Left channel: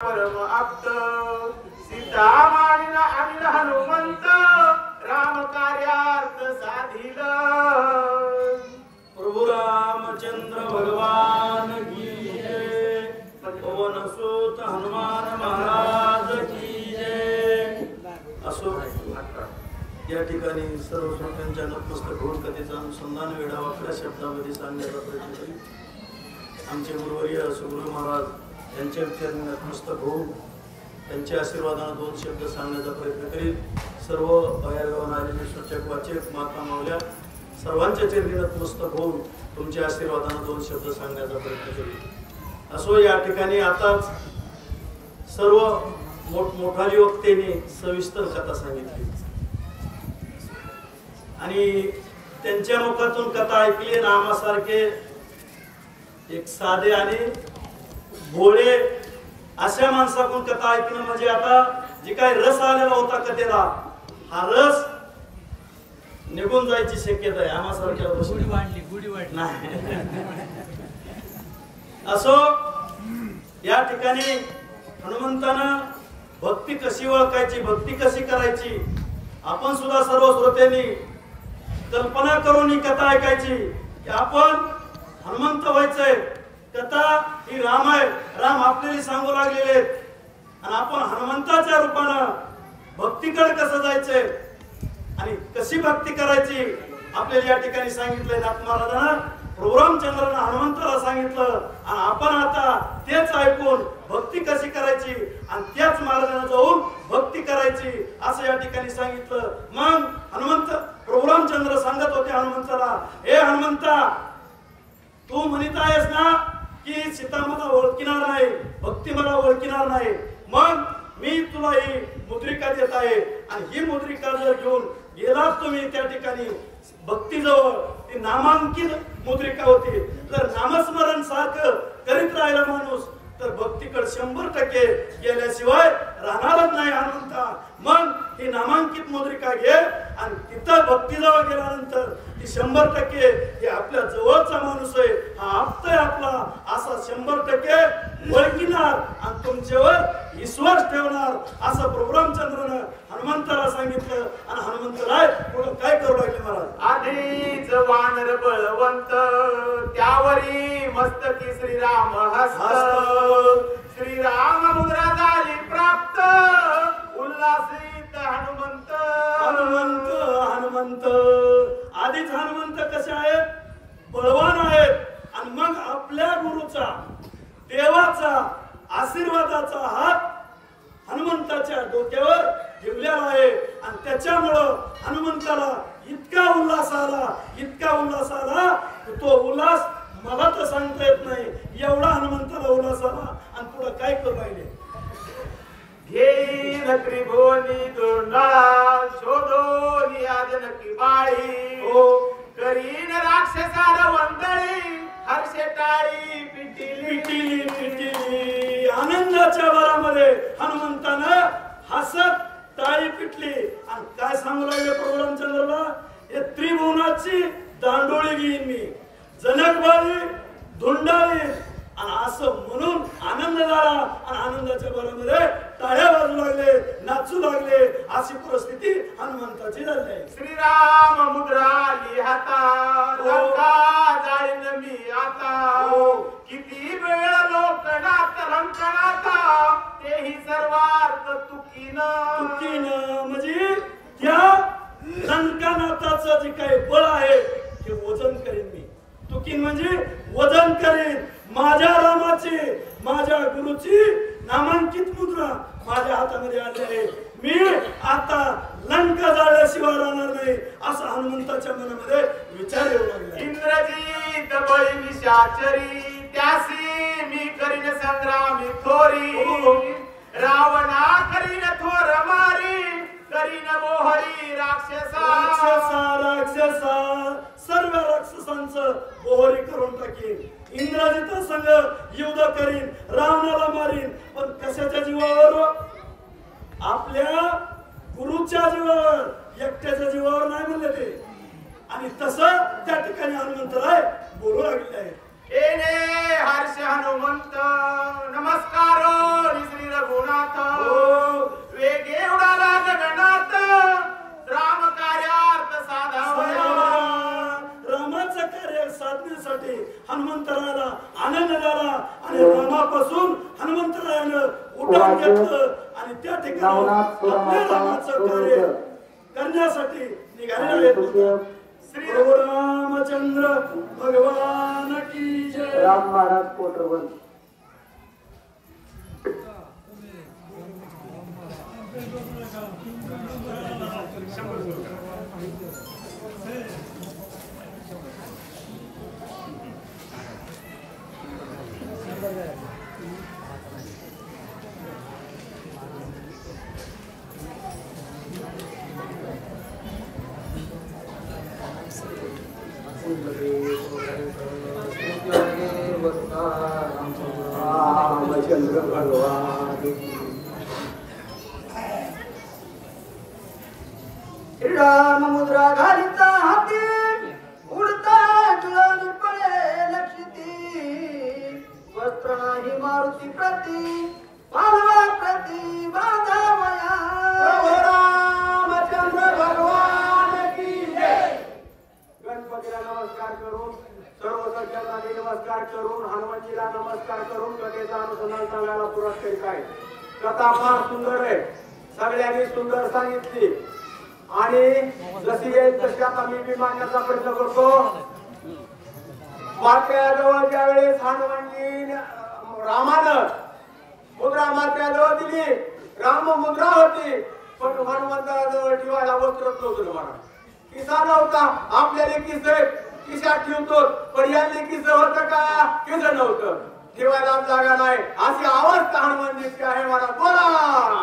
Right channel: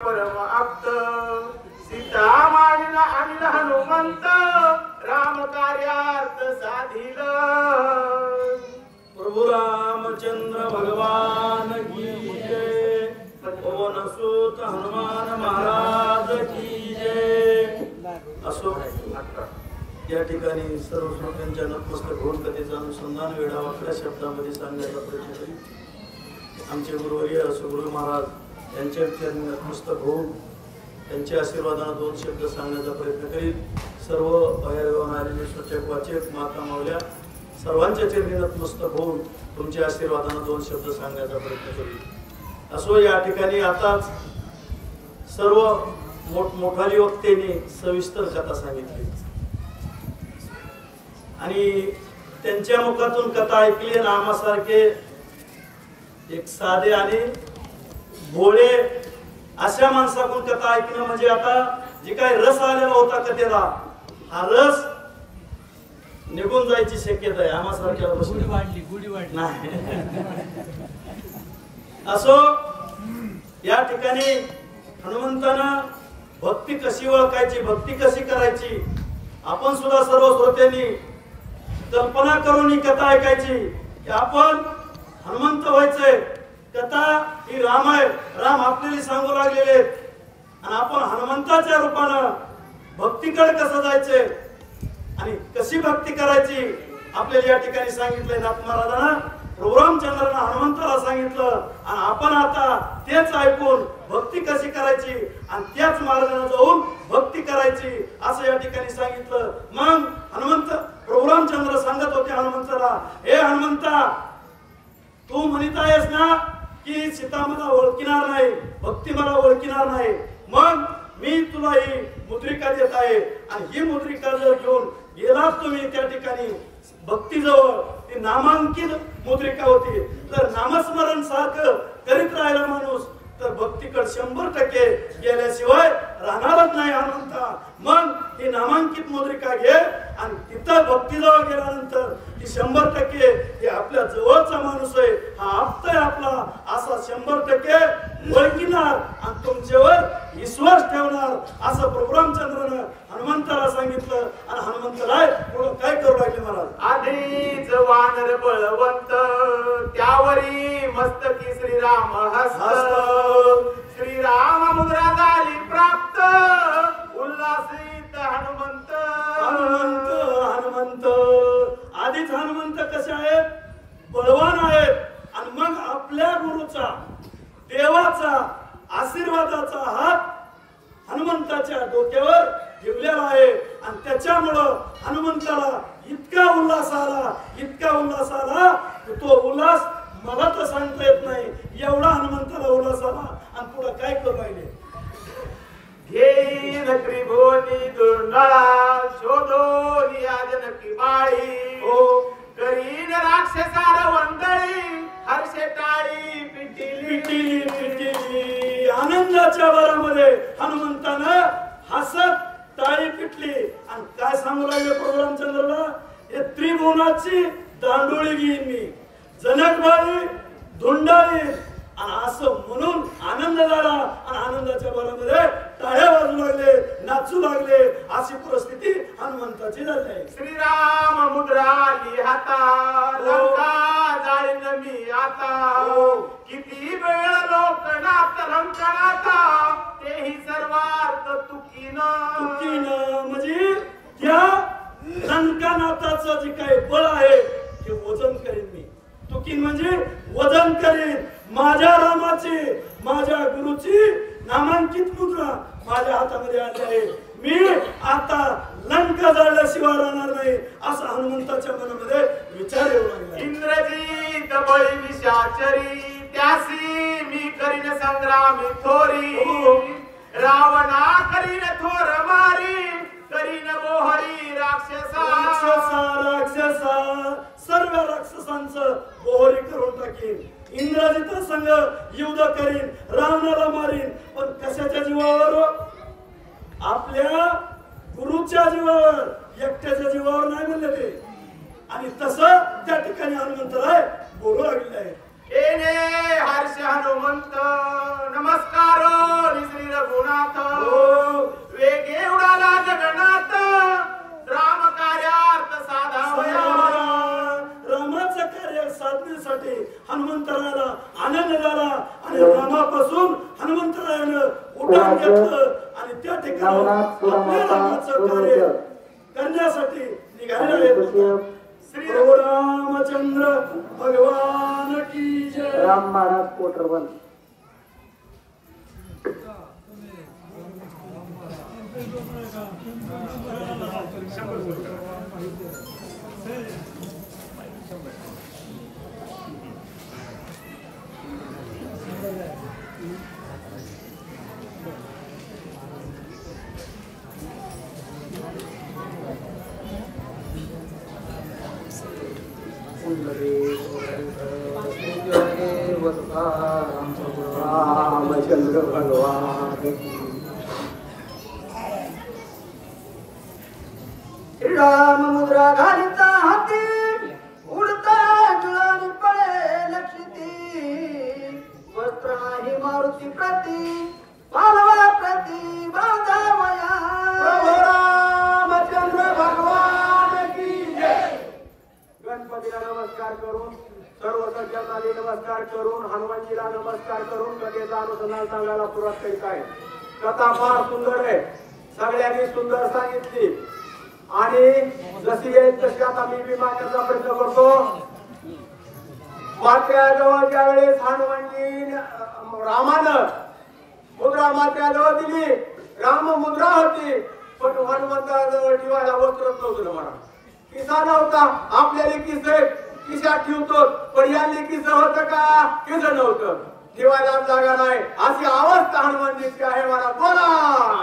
परम आप्त सीता मानिला अनिल हनुमंत राम कार्यार्थ साधिल। प्रभु रामचंद्र भगवान की जय। पवन सुत हनुमान महाराज की जय। असो या ठिकाणी सर्व श्रोत्यांच्या नतमस्तक होऊन कथेचा अनुसंधान वेळावाकड्या शब्दामध्ये सांगण्याचा प्रयत्न करीत आमचे गुरुवर्य सुगुरु महाराज यांच्या चरणी नतमस्तक होऊन त्यांच्या आशीर्वादाने दोन शब्द सांगण्याचा प्रयत्न करीत सर्व बाहेरगावून आलेले सूचक वाचक माता मावल्या सर्वांच्या चरणी नतमस्तक होऊन तुमच्या आशीर्वादाने दोन शब्द सांगण्याचा प्रयत्न करीत। असो या ठिकाणी आताच सर्व मोठमोठाली वक्त्यांनी सविस्तर कथा सांगितली आणि त्यांच्या मुखातून कथा ऐकली ना आम्हासारखे एक साधे आणि भोळे अशा माणसाकडून कथा ऐकणं म्हणजे आता जे काय रस आलेला होता कथेला हा रस निघून जायची शक्यता आहे आम्हासारख्या गुढी वाढली नाही। असो या ठिकाणी हनुमंतानं भक्ती कशी ओळखायची भक्ती कशी करायची आपण सुद्धा सर्व श्रोत्यांनी कल्पना करून ही कथा ऐकायची की आपण हनुमंत व्हायचंय। कथा ही राम आहे राम आपल्याला सांगू लागलेले आणि आपण हनुमंताच्या रूपानं भक्तीकडे कसं जायचंय आणि कशी भक्ती करायची आपल्याला या ठिकाणी सांगितलंय। नाथ महाराजांना प्रभू रामचंद्रांना हनुमंताला सांगितलं आणि आपण आता तेच ऐकून भक्ती कशी करायची आणि त्याच मार्गाने जाऊन भक्ती करायची असं या ठिकाणी सांगितलं। मग हनुमंत प्रभू रामचंद्र सांगत होते हनुमंताला, हे हनुमंता तू म्हणत आहेस ना की सीता मला ओळखणार नाही भक्ती मला ओळखणार नाही, मग मी तुला ही मुद्रिका देत आहे आणि ही मुद्रिका जर घेऊन गेलात तुम्ही त्या ठिकाणी भक्तीजवळ ती नामांकित मुद्रिका होती। जर नामस्मरण सारखं करीत राहिला माणूस तर भक्तीकडे 100% गेल्याशिवाय राहणारच नाही हनुमंता। मग ही नामांकित मुद्रिका घे आणि तिथं भक्तीजवळ गेल्यानंतर ती 100% हे आपल्या जवळचा माणूस आहे हा आप्त आहे आपला असा 100% ओळखणार आणि तुमच्यावर विश्वास ठेवणार असं प्रभू रामचंद्रानं हनुमंताला सांगितलं। आणि हनुमंतराय पुढे काय करू लागले महाराज, आधीच वानर बळवंत त्यावरी मस्तकी श्रीराम हस्त श्रीराम मुद्रा झाली प्राप्त उल्हासित हनुमंत हनुमंत हनुमंत आधीच हनुमंत कसे आहेत बळवान आहेत आणि मग आपल्या गुरुचा देवाचा आशीर्वादाचा हात हनुमंताच्या डोक्यावर ठेवलेला आहे आणि त्याच्यामुळं हनुमंताला इतका उल्हास आला तो उल्हास मला तर सांगता येत नाही एवढा हनुमंताला उल्हास आला। आणि पुढे काय करू राहिले, घेईन त्रिभुवनी दुर्नळा शोधोनी आजनकी बाळी हो करीन राक्षसार वंदळी हर्षे टाळी पिटिली आनंदाच्या भरामध्ये हनुमंतानं हसत टाळी पिटली आणि काय सांगू लागले प्रभू रामचंद्राला, हे त्रिभुवनाची दांडोळी घेईन मी जनकबाई धुंडाळी आणि असं म्हणून आनंद झाला आणि आनंदाच्या भरामध्ये टाळ्या वाजू लागले नाचू लागले अशी परिस्थिती हनुमंताची झाली आहे। श्रीराम मुद्रा आली हाता लंका जाईन मी आता किती वेळ लोकनाथ रंकनाथा तेही सर्वार्थ तुकीन म्हणजे त्या लंकानाथाचं जे काही बळ आहे ते वजन करीन मी। तुकीन म्हणजे वजन करीन माझ्या रामाची माझ्या गुरुची नामांकित मुद्रा माझ्या हातामध्ये आली आहे। मी आता लंका जाळल्याशिवाय राहणार नाही असं हनुमंताच्या मनामध्ये विचार येऊ लागला। इंद्रजीत बळी विषाचरी त्यासी मी करीन संग्रामी थोरी रावणा करीन थोर मारी करीन बोहरी राक्षसा सर्व राक्षसांचं बोहरी करून टाकीन। इंद्रजित संग युद्ध करीन रावणाला मारीन पण कशाच्या जीवावर आपल्या गुरुच्या जीवावर एकट्याच्या जीवावर नाही म्हणले ते। आणि तसं त्या ठिकाणी हनुमंतराय बोलू लागले आहे येणे हर्ष हनुमंत नमस्कार श्री रघुनाथ वेगे उडाला गगनात राम कार्यार्थ साधावया रामाचं कार्य साधण्यासाठी हनुमंतरायाला आनंद झाला आणि रामापासून हनुमंतरायानं उड्डाण घेतलं आणि त्या ठिकाणी आपल्या रामाचं कार्य करण्यासाठी निघालेले आहेत. श्री रामचंद्र भगवान की जय. राम महाराज कोटरवन. रामचंद्र भगवान राम मुद्रा घालिता हाती उडता जुळानी पळे लक्षिती वस्त्र नाही मारुती प्रती पालवा प्रती बांधावया रामचंद्र भगवान की जय. गणपतीला नमस्कार करून सर्व सज्जनांनी नमस्कार करून हनुमानजीला नमस्कार करून कथेचा अनुसंधान सांगायला सुरुवात करीत आहे. कथा फार सुंदर आहे, सगळ्यांनी सुंदर सांगितली आणि जशी येईल तशी आता मी बी मांडण्याचा प्रयत्न करतो. मात्याजवळ ज्या वेळेस हनुमानजी रामानं मुद्रा मात्याजवळ दिली, राम मुद्रा होती पण हनुमंताजवळ ठेवायला वस्त्रच नव्हतं. मला किसा नव्हता. आपल्याला किशात ठेवतो पण यांनी किस होतं का? किस नव्हतं, ठेवायला जागा नाही. अशी अवस्था हनुमानजीची आहे. मला बोला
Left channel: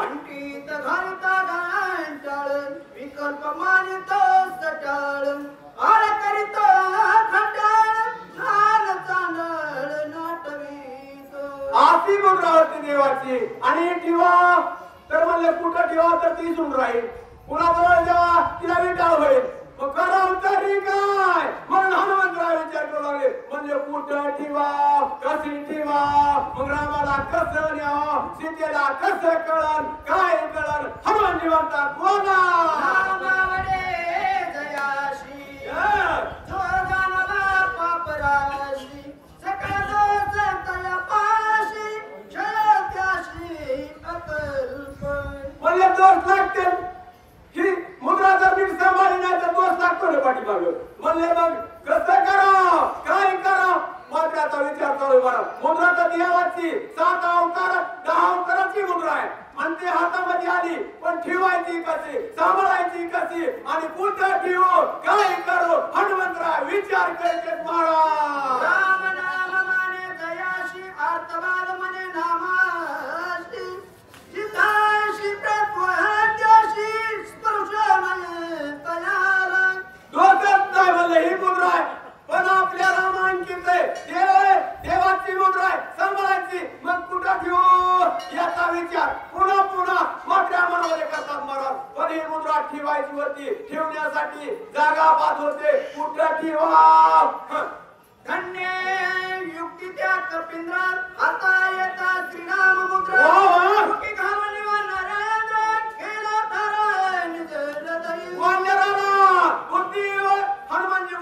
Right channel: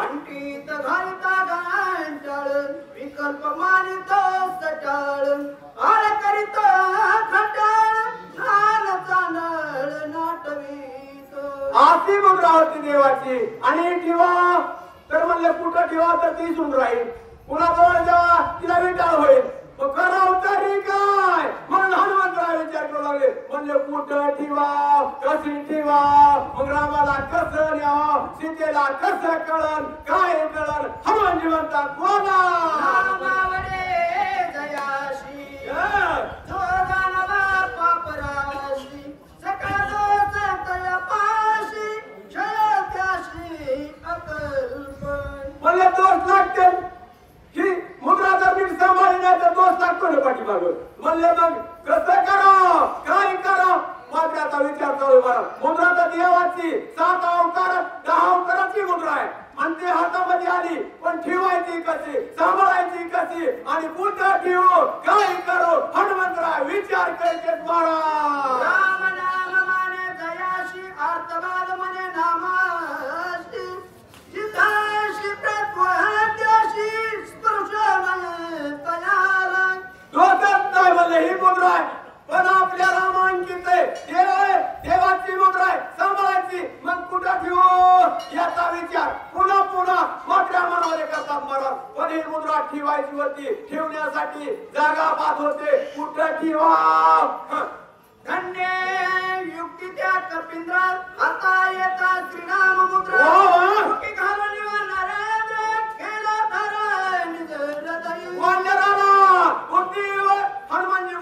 अंटीत घालता घांटाळ विकल्प मानितो सटाळ आळ करीत खटाळ नाल चांदळ नाटवीत. अशी मुद्रा होती देवाची. आणि ठेवा तर म्हणले कुठं ठेवा तर ती सुन राहील, कुणाजवळ जेव्हा तिला विटाळ होईल. मग कराव तरी काय म्हणून हनुमंतराव विचार करू लागले. म्हणले कुठं ठेवा, कशी ठेवा, मग रामाला कसं न्यावं, सीतेला कसं कळण, काय कळण. हनुमानजी म्हणतात बोला रामावडे जयाशी जो जाणला पापराशी सकाळ दोष तया पाशी क्षय त्याशी अकल्प. म्हणले दोष लागते ही मुद्रा जर नीट सांभाळली नाही तर दोष लागतो ना पाठीमाग. म्हणले मग कसं करा, काय करा. मात्राचा विचार चालू मला. मुद्रा तर देवाची 7 अवतार 10 अवताराची मुद्रा आहे आणि ती हातामध्ये आली पण ठेवायची कशी, सांभाळायची कशी आणि कुठं ठेवू, काय करू. हनुमंतराव विचार करायचे. राम नाम माने जयाशी अर्थवाद म्हणे नामाशी जिताशी प्रत्वहत्याशी ही मुद्रा आहे पण आपल्या रामांकित आहे. देवाची मुद्रा आहे, सांभाळायची. मग कुठं ठेवू याचा विचार पुन्हा पुन्हा मोठ्या मनामध्ये करतात महाराज. पण ही मुद्रा ठेवायची होती, ठेवण्यासाठी जागा पाहत होते. कुठं ठेवा. धन्य युक्ती त्या कपिंद्रात आता येता श्रीराम मुद्रा हनुमानजी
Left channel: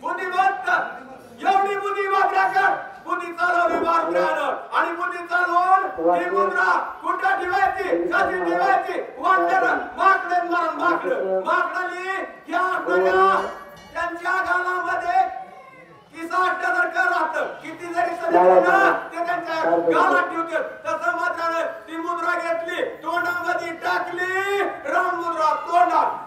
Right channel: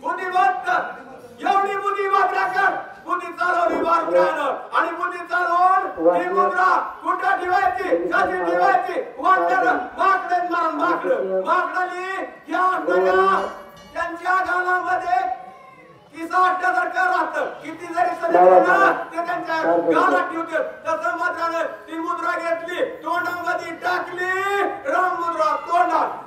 बुद्धिमत्त एवढी बुद्धी वापराकर बुद्धी चालवली बारकानं आणि बुद्धी चालवून ही मुद्रा कुठं ठेवायची, कशी ठेवायची. वाटलं माकडे मारून माकडाली या त्यांच्या गालामध्ये किसा राहतं. किती जरी ते त्यांच्या गालात ठेवते. तसं मात्र ती मुद्रा घेतली, तोंडामध्ये टाकली, राम मुद्रा तोंडात